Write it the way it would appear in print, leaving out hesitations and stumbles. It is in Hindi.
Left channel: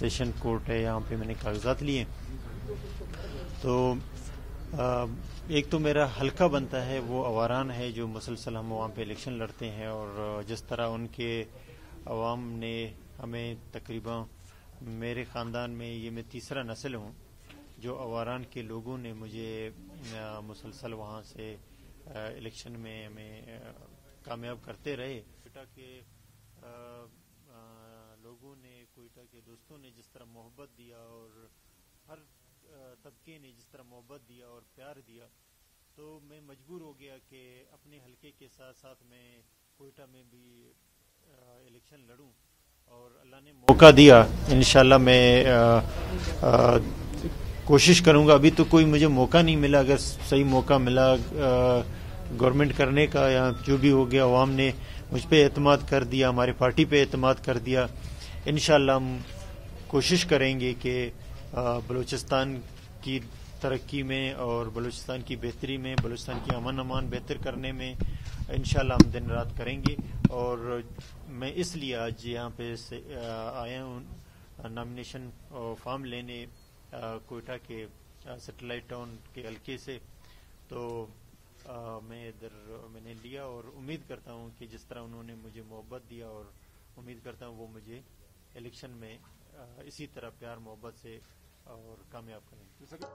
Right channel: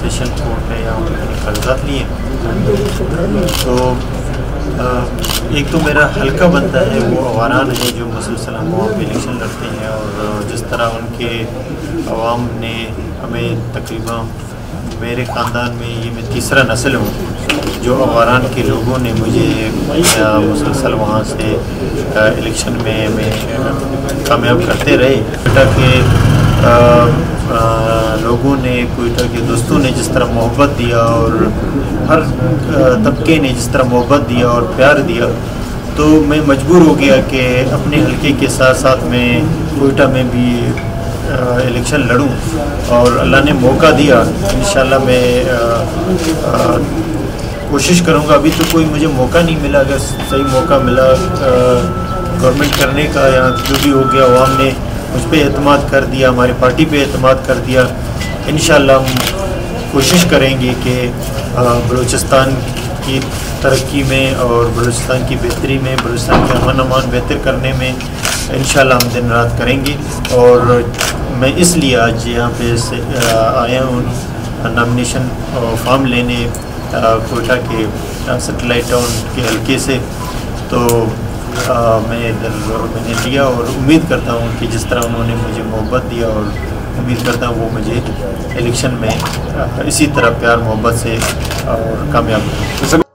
सेशन कोर्ट है, यहाँ पर मैंने कागजात लिए। तो एक तो मेरा हल्का बनता है वो अवारान है जो मुसलसल वहाँ पर इलेक्शन लड़ते हैं, और जिस तरह उनके अवाम ने हमें तकरीबन मेरे ख़ानदान में ये मैं तीसरा नस्ल हूँ जो अवारान के लोगों ने मुझे मुसलसल वहाँ से इलेक्शन में कामयाब करते रहे। कोयटा के लोगों ने, कोयटा के दोस्तों ने जिस तरह मोहब्बत दिया और हर तबके ने जिस तरह मोहब्बत दिया और प्यार दिया, तो मैं मजबूर हो गया कि अपने हलके के साथ साथ मैं कोयटा में भी इलेक्शन लड़ूं, और अल्लाह ने मौका दिया। इंशाल्लाह मैं कोशिश करूंगा। अभी तो कोई मुझे मौका नहीं मिला, अगर सही मौका मिला गवर्नमेंट करने का या जो भी हो गया, अवाम ने मुझ पर एतमाद कर दिया, हमारी पार्टी पे एतमाद कर दिया, इंशाल्लाह हम कोशिश करेंगे कि बलूचिस्तान की तरक्की में और बलूचिस्तान की बेहतरी में, बलूचिस्तान के अमन अमान बेहतर करने में इंशाल्लाह हम दिन रात करेंगे। और मैं इसलिए आज यहाँ पे आया हूँ नॉमिनेशन फॉर्म लेने कोयटा के सेटेलाइट टाउन के हल्के से। तो मैं इधर मैंने लिया और उम्मीद करता हूँ कि जिस तरह उन्होंने मुझे मोहब्बत दिया, और उम्मीद करता हूँ वो मुझे इलेक्शन में इसी तरह प्यार मोहब्बत से और कामयाब